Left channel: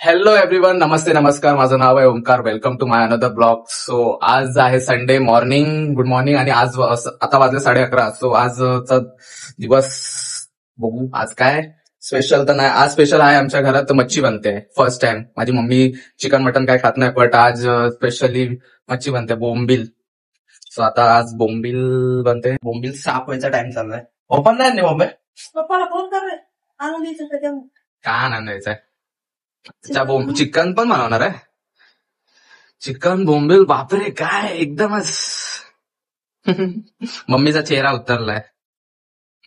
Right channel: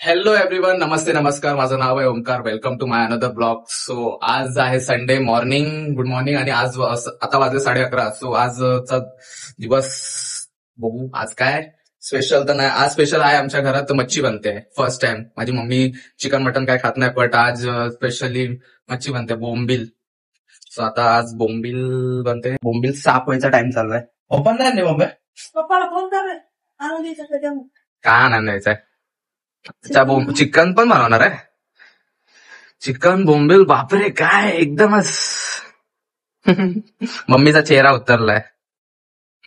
Hello everyone, नमस्ते नमस्कार. माझं नाव आहे Omkar. Welcome to my another blog. So आज आहे संडे मॉर्निंग. Good morning. आणि आज आता वाजले 11:30. सो आजचा दिवस बघू आज काय स्पेशल. तर नाही, आज स्पेशल आहे आमच्या घरात मच्छी बनते. First time. माझी मम्मी चिकन मटन काय खात नाही, बट आज स्पेशली मच्छी बनते, बोंबील. सो आता आज बोंबील बनते. बोंबील साफ व्हायचा टाइम चाललाय. ओपन नाही मम्मी, पप्पाला फोन कर रे, आणून द्यायचं त्याच्या काय आणायचंय? चिकन पण बनवणार आहे. चिकन बोंबील, बापरे काय एकदमच. मम्मीचा चेहरा उतरलाय.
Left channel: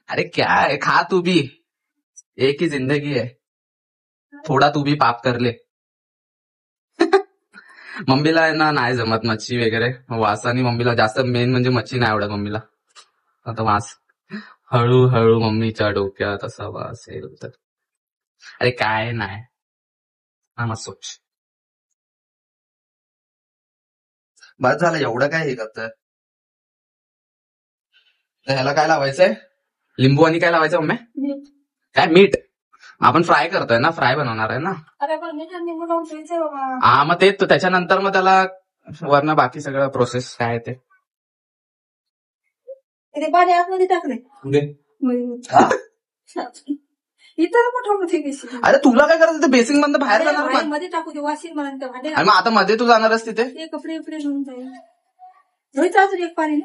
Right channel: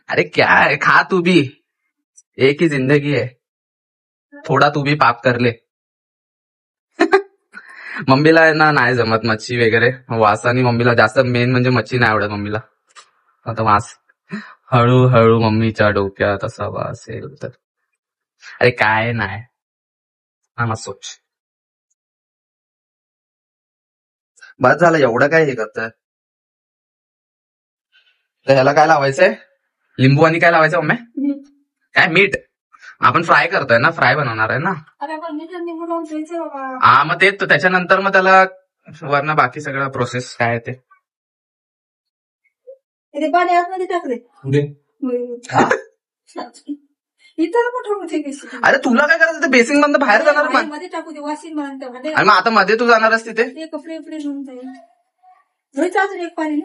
अरे क्या है, खा तू भी, एक ही जिंदगी है, थोडा तू भी पाप कर ले. मम्मीला आहे ना नाही जमत मच्छी वगैरे, वासानी मम्मीला जास्त, मेन म्हणजे मच्छी नाही आवडत मम्मीला. आता वास हळूहळू मम्मीच्या डोक्यात असा वास येईल तर अरे काय नाही. हा मग सोच, बस झालं एवढं काय हे करत. तर ह्याला काय लावायचंय? लिंबू आणि काय लावायचं मम्मी? काय मीठ? आपण फ्राय करतोय ना, फ्राय बनवणार आहे ना. अरे पण मीठ आणि निंबू लावून ठेवायचं बाबा. हा मग ते त्याच्यानंतर मग त्याला वरनं बाकी सगळं प्रोसेस काय आहे ते पाणी आतमध्ये टाकले हा? इथं मोठं मोठे अरे तुला काय करायचं? ते बेसिंग मधनं बाहेर जाणार पण. मध्ये टाकू दे, वाशीन म्हणून त्या भांडे आणि मग आता मध्ये तू जाणारच तिथे. ते कपडे बिपडे घेऊन जाईल. धुईचं अजून एक पाणी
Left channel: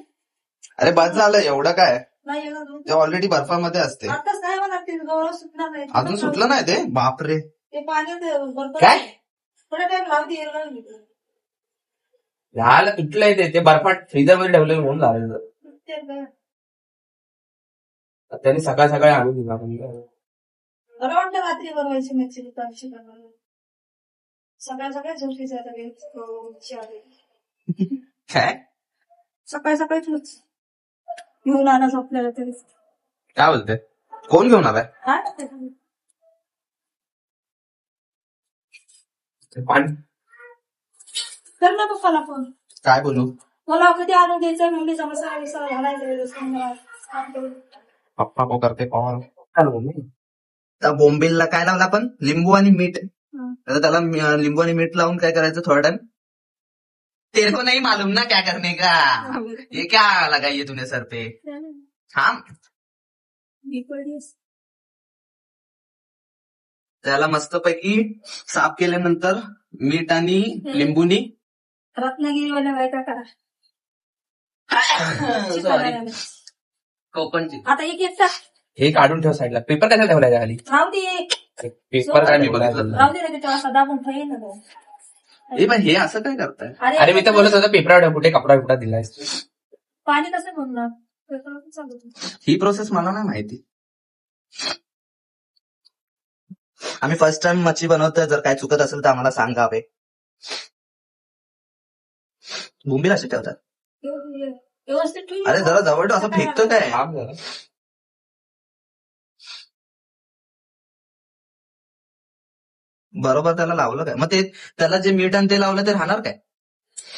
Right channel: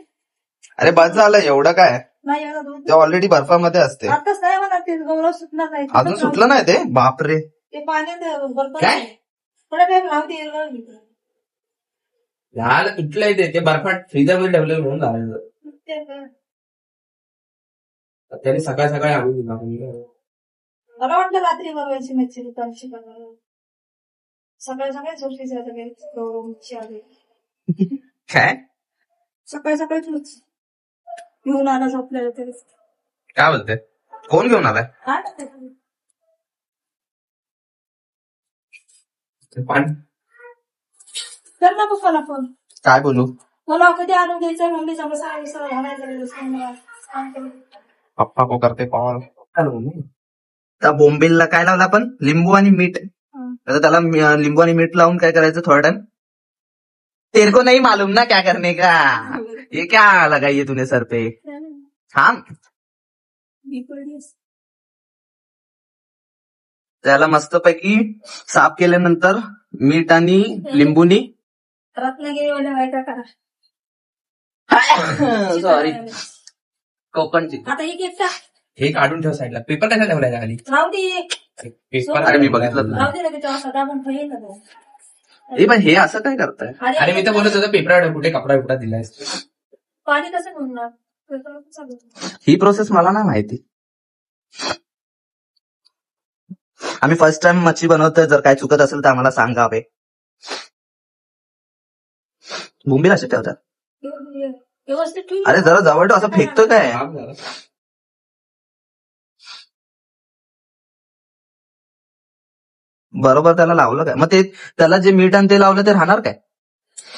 अरे बस झालं एवढं काय, नाही एवढा धुवून. ते ऑलरेडी बर्फामध्ये असते. आताच नाही मला ते गौरव सुटणार नाही. अजून सुटलं नाही ते? बापरे. ते पाण्यात बरोबर काय? थोडा टाइम लावते एवढं. झालं तुटलंय ते बर्फात फ्रीजर मध्ये ठेवलं म्हणून झालं. त्यांनी सकाळ सकाळी आणून दिला. मला वाटतं रात्री बनवायची मच्छी दुपारची बनवायची. सकाळ सकाळी झोपीचं काय सकाळी सकाळीच मच्छी घेऊन आला झोपलेलं तरी. काय बोलते? कोण घेऊन आलाय? पाणी कर ना पप्पाला फोन. काय बोलू? मला कधी आणून द्यायचं, मम्मीचा मसाला विसाला घालायचा. पप्पा को करते कॉल. तर बोंबीलला काय लावलं आपण? लिंबू आणि मीठ. तर त्याला लिंबू आणि मीठ लावून काय करायचं थोडा टाइम. तेरे को नहीं मालूम ना क्या करने का, ये क्या लगाइए तूने सर पे. हाँ, त्याला मस्तपैकी साफ केल्यानंतर मीठ आणि लिंबूनी रत्नागिरीवाल्या माहिती करा. सॉरी, कोकणची. आता एक एक टाक. हे काढून ठेव साईडला. पेपर कसा ठेवलाय खाली? राहू दे. पेपर अरे मी बघितलं. राहू दे ना, त्याच्यावर असा दाबून ठेवायचं. हे पण हे असं काय करताय? अरे मी तर बोलत होतो पेपरावर कुठे कपडा बिपडा दिलाय. पाणी कसं बनणार? ही प्रोसेस मला नाही माहिती. आम्ही फर्स्ट टाइम मच्छी बनवतोय. जर काय चुकत असेल तर आम्हाला सांगावे. बोंबील असे ठेवतात. व्यवस्थित ठेवून. अरे जरा जवळ असं फेकतो काय? बरोबर त्याला लावलं काय? मग ते त्याला जे मीठ आणि ते लावलं ते राहणार काय?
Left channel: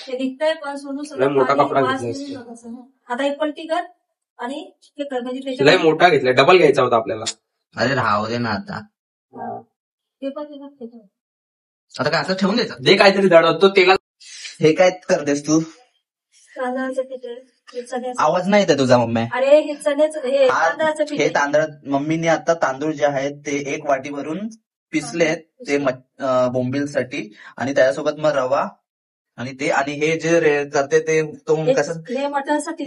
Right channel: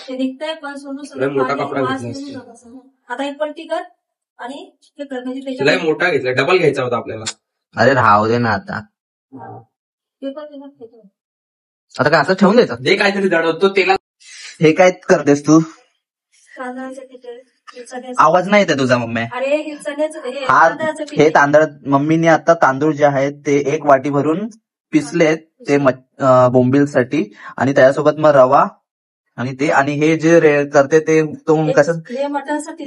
ते निघतंय पण सोनू मोठा कपडा आता एक पलटी कर आणि हे कर म्हणजे लय मोठा घेतला, डबल घ्यायचा होता आपल्याला. अरे राहू दे ना आता. आता काय असं ठेवून द्यायचं? ते काहीतरी दडवतो तेला. हे काय करतेस तू? आवाज नाही येते तुझा मम्मी. अरे हे चण्याचं हे तांदळ मम्मीने आता तांदूळ जे आहेत ते 1 वाटी भरून पिसलेत ते बोंबीलसाठी. आणि त्याच्यासोबत मग रवा आणि ते, आणि हे जे करते ते तो कसं? हे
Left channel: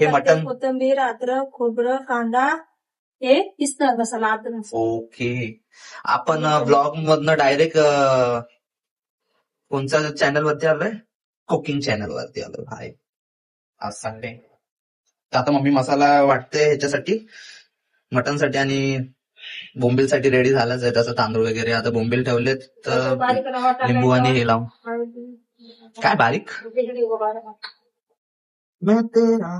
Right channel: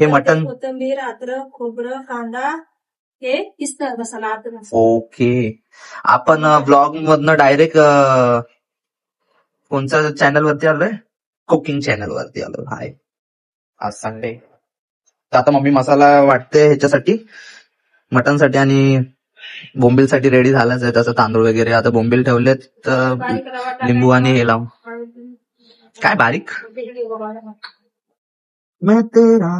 मटण, कोथिंबीर, अद्रक, खोबरं, कांदा, हे पिसणार मसाला अद्रक. ओके. आपण ब्लॉग मधनं डायरेक्ट कोणत्या चॅनल वरती आलोय? कुकिंग चॅनल वरती आलो. हाय, आज संडे. तर आता मम्मी मसाला वाटते ह्याच्यासाठी, मटनसाठी आणि बोंबीलसाठी रेडी झालंच आहे. त्याचं तांदूळ वगैरे. आता बोंबील ठेवलेत तर लिंबू आणि हे लावून. काय बारीक? मैं तेरा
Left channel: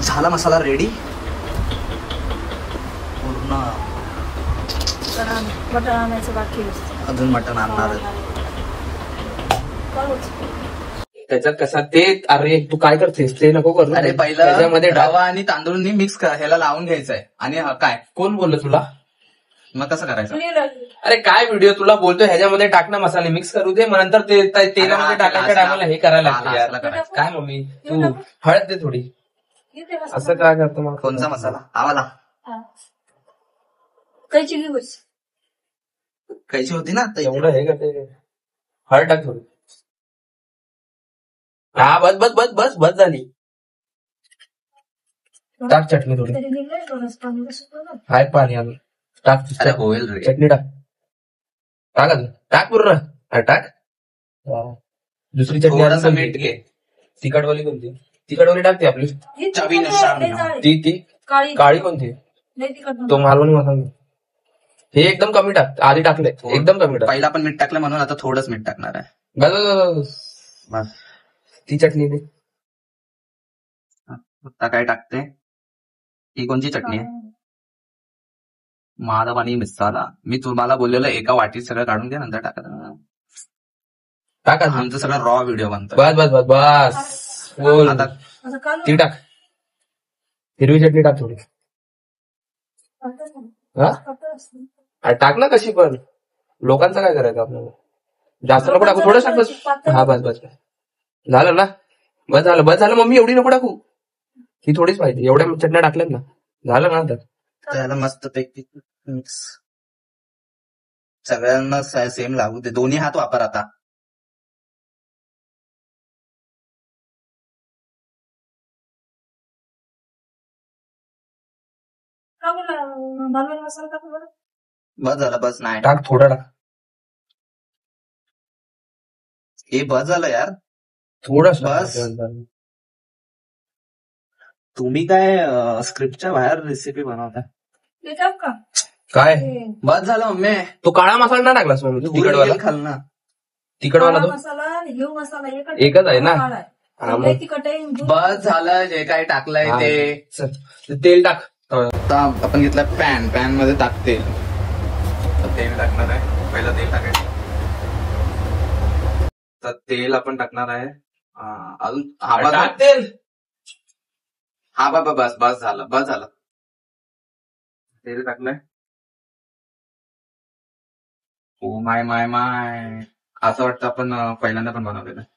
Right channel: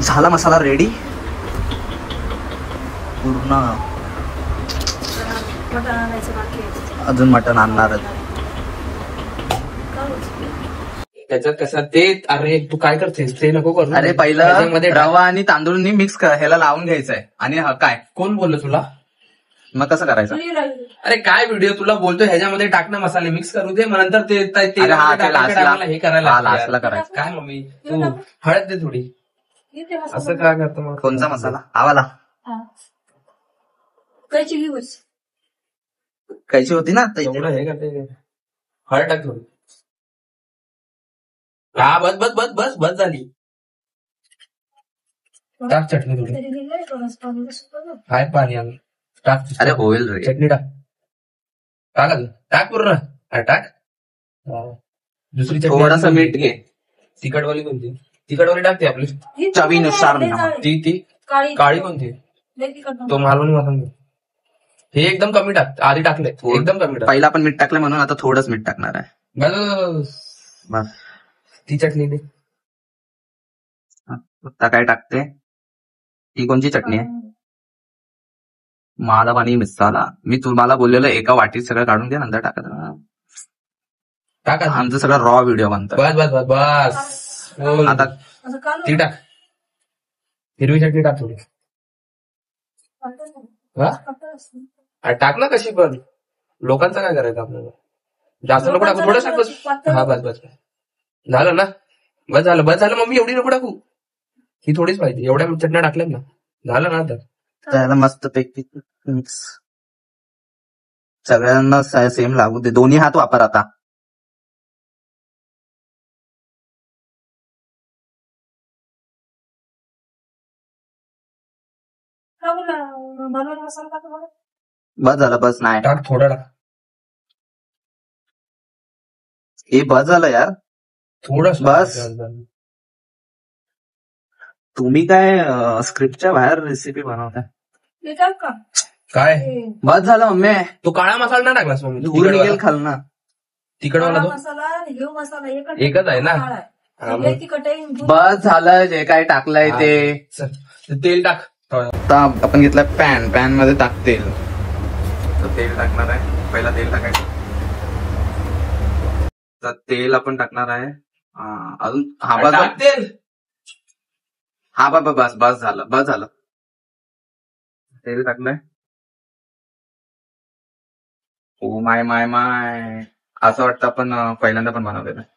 झाला मसाला रेडी पूर्ण. मटण आणायचं बाकी आहे. अजून मटण आणणार. त्याच्यात कसं ते, अरे तू काय करतेस ते नको करू. अरे पहिलं त्याच्यामध्ये रवा आणि तांदूळ मिक्स कर, ह्याला लावून घ्यायचंय. आणि काय कोण बोललं तुला? मग कसं करायचं? अरे काय व्हिडिओ तुला बोलतो, ह्याच्यामध्ये टाकणं मसाले मिक्स करू दे, मग नंतर ते तेलामध्ये टाकायच्या टायमाला हे करायला लागतं लास्टला यार. करायचं. काय मम्मी तू हळद दे थोडी. असं काय करतो मग? कोणचा मसाला? आवाला कैची घे बस. कैची होती ना एवढं हे करते. हळद टाक थोडी. हा बस बस बस बस बस झाली. टाक चटणी थोडी. आहेत पाणी आलं. टाक अरे होईल रे. चटणी टाक. टाक अजून. टाक पूर्ण. अरे टाक. दुसरी चटणी थोडासा अजून मीठ घे. तिखटवाली कोणती? तिखटवाली टाकते आपली. चवीनुसार नमक. ती काळी कोणती? तो मालवणी मसाला. हे एकदम कमी टाक. आधी टाकले एकदम कमी टाक. पहिला पण मीठ टाकलं म्हणून आता थोडंच मीठ टाकणार आहे. बस बस. ती चटणी दे. आता काय टाकते? ही कोणची चटणी आहे? मादा पाणी मसाला. मी तुम्हाला बोललेलं एका वाटीत सगळं काढून घ्या, नंतर टाका. टाक अजून. आमचं सगळं रॉ व्हिडिओ बनतं. बस बस बस बस बोल. आता ती टाक. हिरवी चटणी टाक थोडी. हा अरे टाक ना कशी पण. लोकांचं काय करायचं आपल्याला? जास्त नको टाकू. थोडं टाक बस. हा बस बस झालं ना. बस झालं मम्मी, एवढी नको टाकू. ही थोडीच पाहिजे. एवढ्या चटण्या टाकल्यात ना. झालं ना आता. त्याला मस्त पैकी मिक्स. सगळ्यांना सेम लागू दे. दोन्ही हात वापर आता. बस झालं. बस नाही टाक थोडं टाक. हे बस झालं यार. थोडं बस. तुम्ही काय स्क्रिप्टच्या बाहेर रेसिपी बनवताय काय? बस झालं मम्मी. तू काळा मसाला नाही टाकलास मम्मी? धूर खालना. तिखटवाला तो एकच आहे ना. बस झालं. जे काय टाकलंय ते. तेल टाक. आता आपण घेतलं पॅन मध्ये टाक तेल. तर तेल टाकणार आहे. पहिला तेल टाकायचं. तर तेल आपण टाकणार आहे. अजून टाक तेल. हा बाबा बस झालं. तेल टाकलंय. ओ माय असं वाटतं आपण पहिल्यांदा पण बनवलेलं आहे.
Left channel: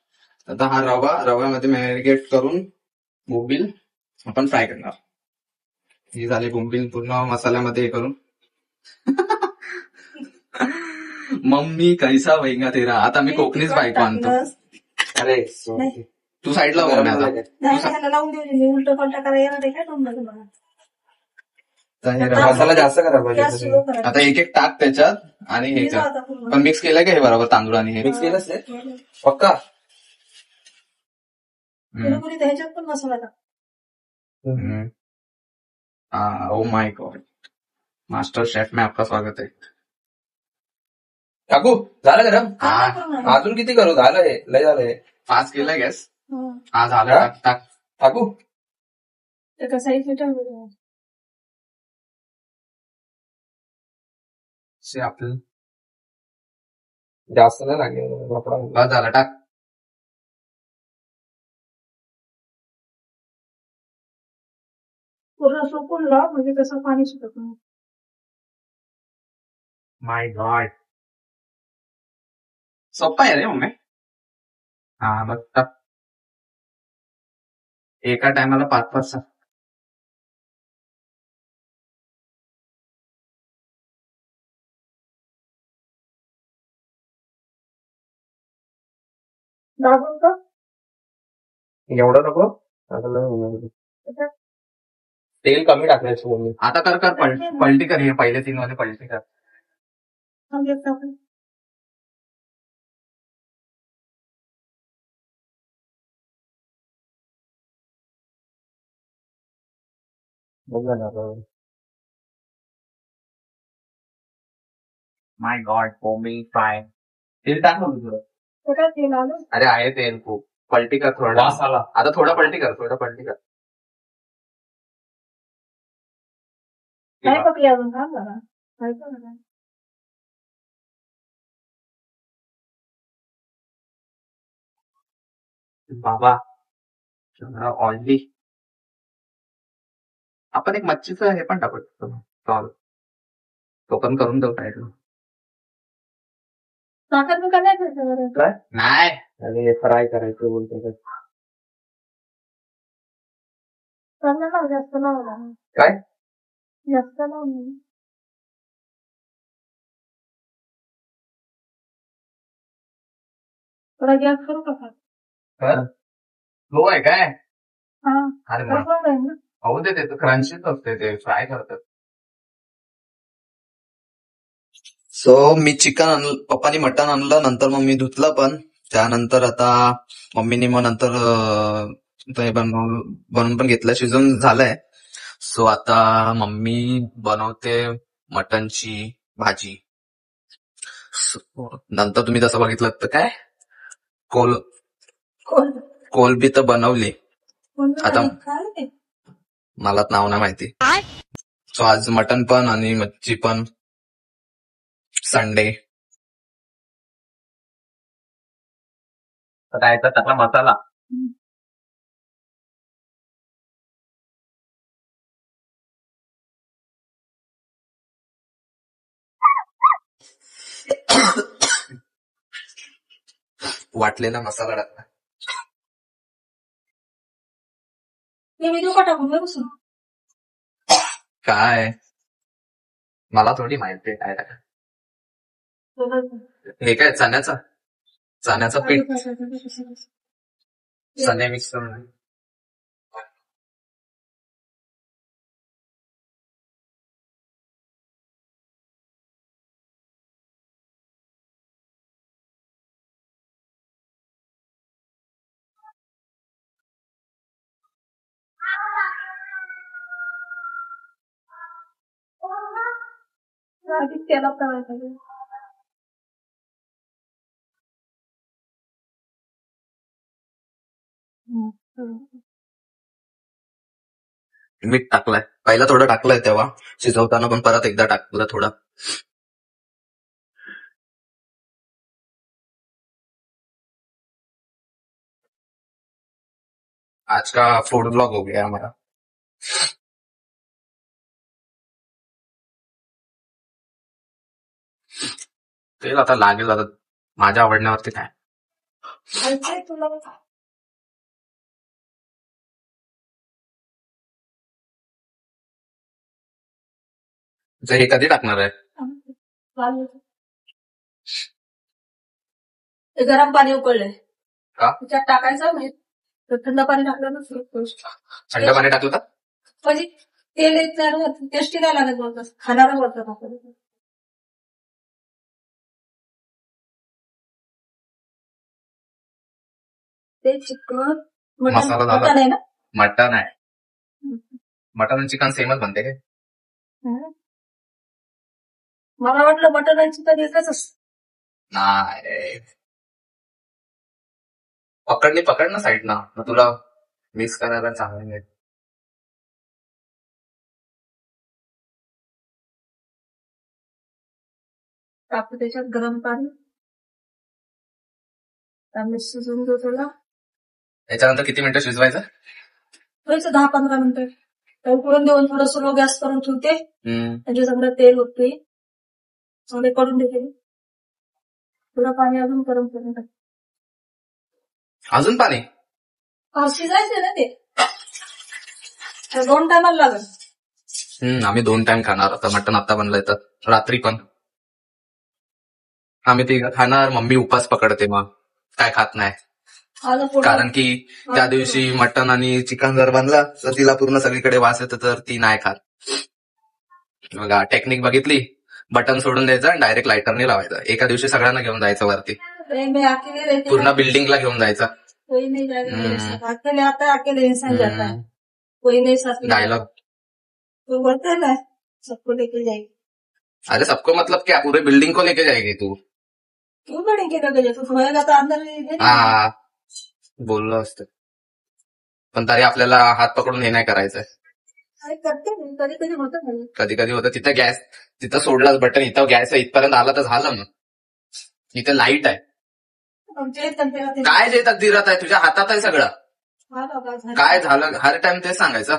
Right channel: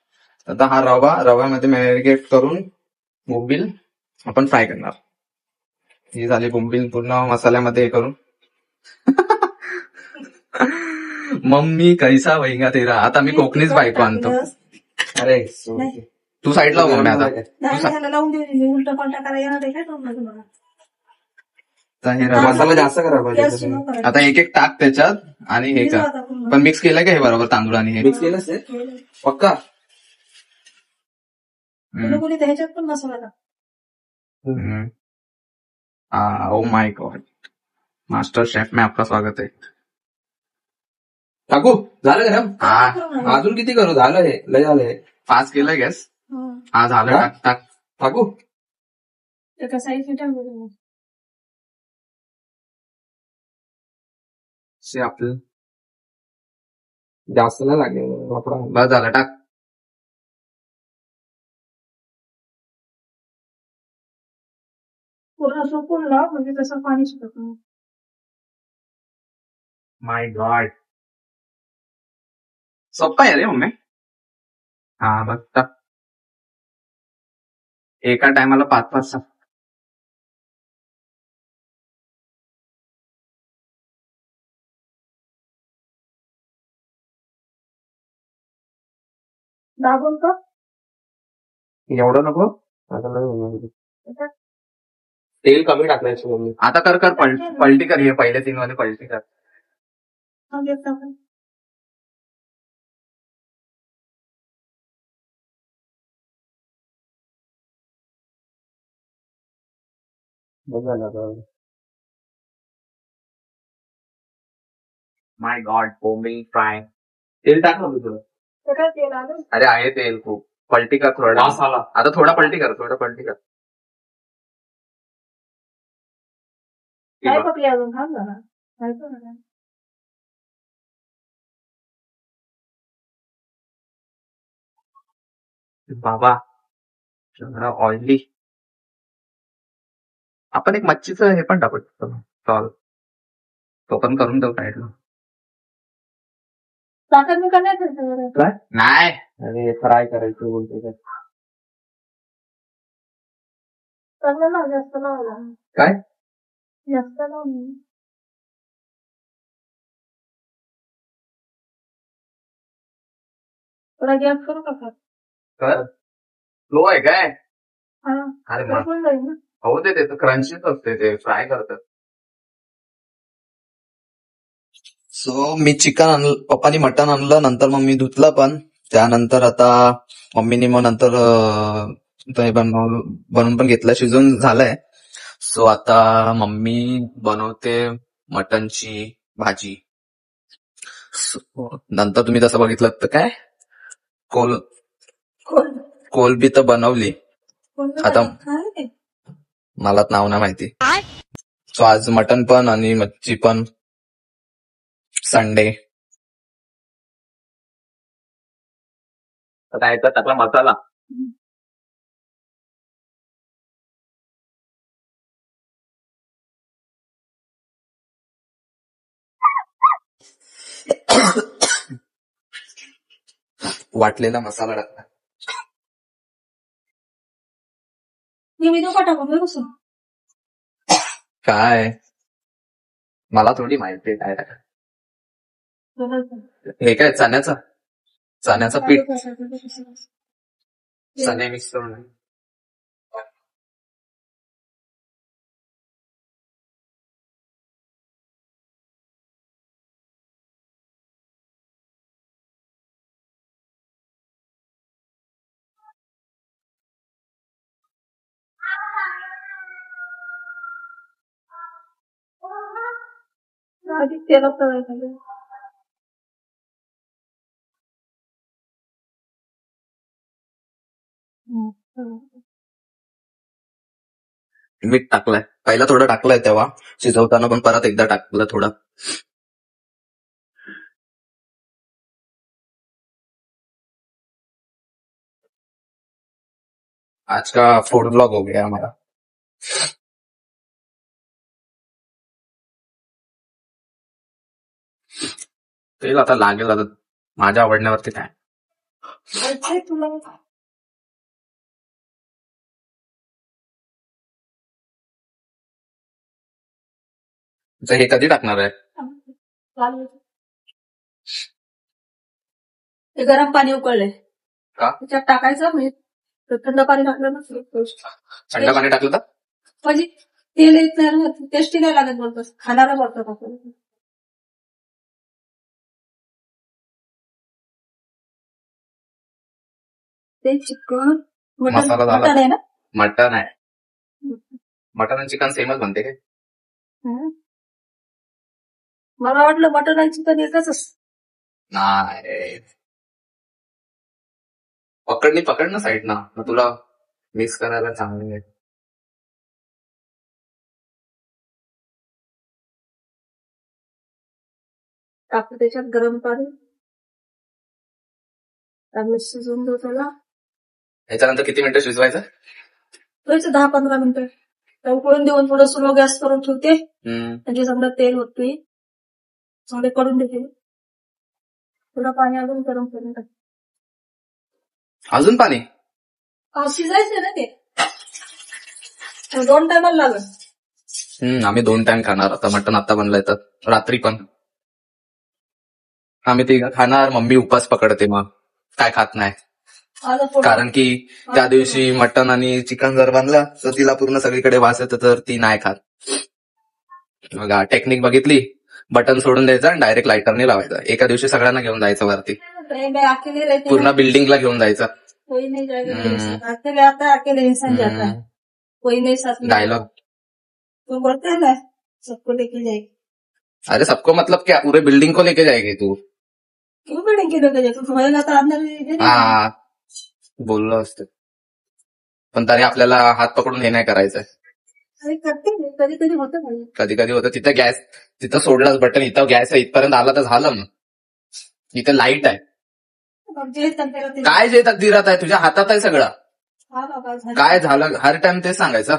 आता हा रव्यामध्ये मॅरिनेट करून बोंबील आपण फ्राय करणार. ही झाली बोंबील पूर्ण मसाल्यामध्ये हे करून. मम्मी कैसा वैगा तेरा. आता मी कोकणीच बायको आणतो. अरे तू साईडला हो आता. उलट पलटा करायला काय तुम्हाला. मसाला जास्त करा पाहिजे. आता एक एक टाक त्याच्यात आणि हे कर. पण मिक्स केलंय का हे बरोबर तांदूळ आणि हे? मिक्स केलंच ते पक्का. ह्याच्यात पण मसाला टाक. Oh my God. Master chef में आपका स्वागत है. टाकू झालं गरम. अजून किती करू? झालं हे लय झालं हे. फास्ट केलंय गॅस. हा झालं. टाक. टाकू एका साईडला आपलं जास्त नाही लागले. बस झालं. टाक. पूर्ण सुकून लाव म्हणजे तसं पाणी सुटत नाही. माय गॉड. सोप्पा आहे रे मम्मी. हा बस टाक. एका टायमाला 5-5 दाबून का एवढं नको. तेल कमी टाकायचं मम्मी. आता कर पलटी कर. हे पहिले 3 मध्ये पलटी कर. माय गॉड. बोंबील फ्राय. तेल टाक ना तुझं. तेल आलं. अरे आहे तेल खूप. पलटी कर थोडा. मसाला आता थोडा पलटी कर. काय पकली अजून खा जरा. बाबा ऑइली. आपण एक मच्छीचं हे पण टाकू शकतो स्टॉल, तो पण करून देऊ साईडला. साखर मी काय करते काय नाही, अरे फ्राय करायचं बोलते का? ना जास्त लावला काय जास्त लावून थोडा गॅस करू का? लो आहे काय? हा अरे तर पण जाईल ना. हो ते क्रंचीच असते, ते फ्राय करतात. सो मी चिकन पप्पानी मटन आणलं, नंतर मग मी धुतलं पण. त्यानंतर आता मम्मीने मग नंतर ते बनवून पण घेतलं, शिजून झालंय. सो आता मम्मी बनवते मटनची भाजी. नंतर तुम्ही तसं बघितलं तर काय कोलबी तर बनवली. आता मला नाव नाही माहिती. सो आज मटन पण आणि मच्छी पण, संडे. आता याचा टाकला मसाला. वाटलेला मसाला टाकला. व्हिडिओ पाठवू कसं काय मला थोडी माहिती आहे काय टाका. हे काय चण्याचं पीठ, चणे मिक्स करून. तेला मीठ टाकलंय, पहिला थोडं टाकलंय तेव्हा शिजवताना, पण परत एकदा टाकलं थोडं. आज का फूड ब्लॉग हो गया हमारा. तेल आता लागेल, आता माझ्या आवडण्यावरती काय. तुला हे कधी टाकणार आहे? गरम पाणी उकळलंय का? त्याच्यात टाकायचं, म्हणजे थंड पाणी टाकलं ना, थंड पाणी टाकलं तर म्हणजे तेल टेस्टी नाही लागत, बोलतोस खाण्याला बोलतात आपल्याला. ते चिकन मसाला झाला. मटण आहे ना? मटन आहे. मटन आणि चिकन सेमच बनते काय? मला वाटलं मटण आणि चिकन एकच असतं. नाही, पकड ना साईड ना, मग तुला मिक्स करायला चांगलं आहे. टाकतो त्याच्यात गरम पाणी, त्यामुळे शिजून दो थोडा. याच्यानंतर किती मिनिटं शिजवायचं? 10-15 मिनिटं उकळून देऊन थोडं स्लो गॅस करून ठेवते, म्हणजे समजा तेल होते, थोडे करून देते. थोडं पाणी अजून गरम करून टाकते. अजून पाणी शिजायचं ना ते, 2 टायमाला लागत. आम्ही 2 टाइम खाणार. आता मटण आता बनलंय तर रात्री पण आम्ही ते खाणार. मम्मी उपास पकडते, मग काय खात नाही, कारण की त्या दिवशी मटण आणि चिकन जर बनलं तर तिला पूर्ण सगळीकडे वास येतं, तर ती नाही खात. बघा टेक्निक बघितली, बटन सोडून द्यायचं आणि डायरेक्ट लायटरने लावायचं. एका दिवशी सगळ्यांना घेऊन जायचं वरती, पूर्ण बिल्डिंगला घेऊन जायचं. डायलॉग तो बोलता है ना, सबको लेके जाएगी. अरे सबको मतलब क्या, पूरे बिल्डिंग को लेके जाएगी तू? क्यों बिल्डिंग की लेके जाएगी? तुम्हाला तर अंदर हा बोललो असतं, पण तरी आपल्याला हात पकडून हे नाही करायचं. करते कधी कधी होतं नाही. कधी कधी होतं. तिथं सोडलाच बटन, इथं गॅस इथपर्यंत आला तर झालं. मग इथं लाईट आहे, जे तंत्रा ते काय जे तकदीरात आहे तुझ्या हातात आहे सगळं. हा बाबा झालं. काय झालं हर टाइम तेच सांगायचं.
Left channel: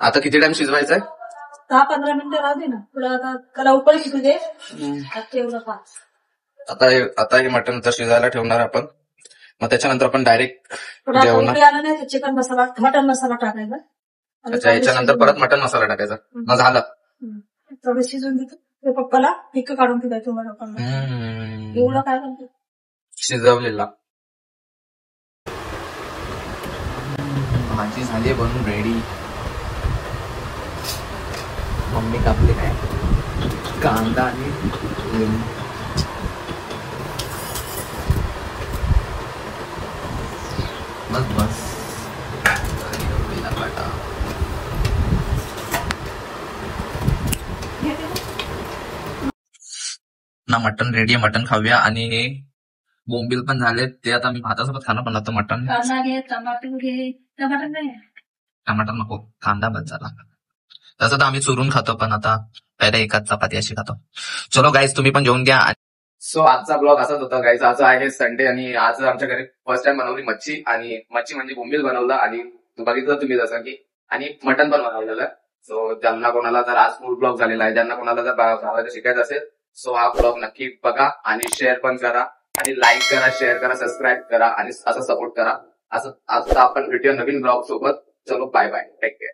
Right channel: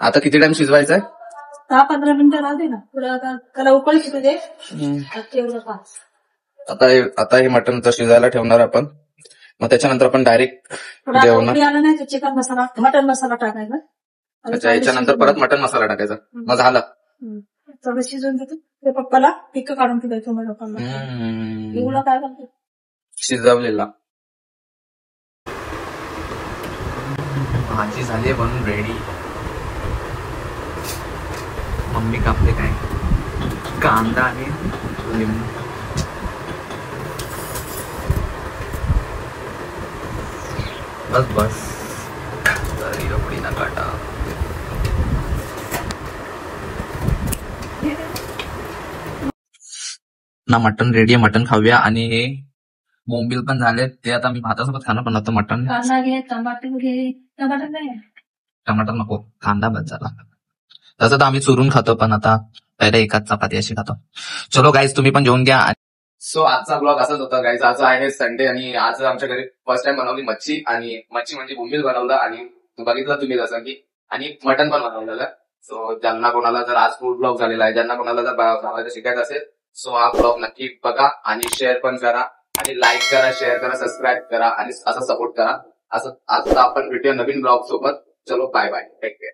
आता किती टाइम शिजवायचंय? 10-15 मिनिटं राहू दे ना. थोडं आता त्याला उकळी शिकू दे. तेवढं का आता हे मटण तर शिजायला ठेवणार आपण. मग त्याच्यानंतर आपण डायरेक्ट थोडा जेवणार. उकळी आला नाही तर चिकन मसाला मटन मसाला टाकायचा. अच्छा, याच्यानंतर परत मटण मसाला टाकायचा. मग झालं. थोडं शिजून देतो. ते पप्पाला पिक्क काढून द्यायचं मला पप्पाला. एवढं काय करतो शिजवलेला भाजी झाली बनून रेडी. मम्मी कापले काय कांदा आणि लिंबू. बस बस एवढी ना काटा. ना मटन रेडी आहे. मटन खाऊया. आणि बोंबील पण झाले. ते आता मी भातासोबत खाणं. पण आता मटन. कांदा घे, टमाटर घे. टमाटर नाही टमाटर नको, कांदा बस झाला. तसं तर आम्ही चुरून खातो, पण आता पहिले एकाच चपाती अशी खातो. चलो गाईज, तुम्ही पण जेवून घ्या. सो आजचा ब्लॉग असाच होता गाईज. आज आहे संडे आणि आज आमच्या घरी फर्स्ट टाइम बनवली मच्छी. आणि मच्छी म्हणजे बोंबील बनवलं आणि बघितलं तुम्ही जसं की, आणि मटन पण बनवलेलं. सो ज्यांना कोणाला जर आज फूड ब्लॉग झालेला आहे, ज्यांना कोणाला जर बनवायचं शिकायचं असेल, सो हा ब्लॉग नक्की बघा आणि शेअर पण करा. आणि लाईक करा, शेअर करा, सबस्क्राईब करा आणि असं सपोर्ट करा. असं आता आपण भेटूया नवीन ब्लॉग सोबत. चलो बाय बाय, टेक केअर.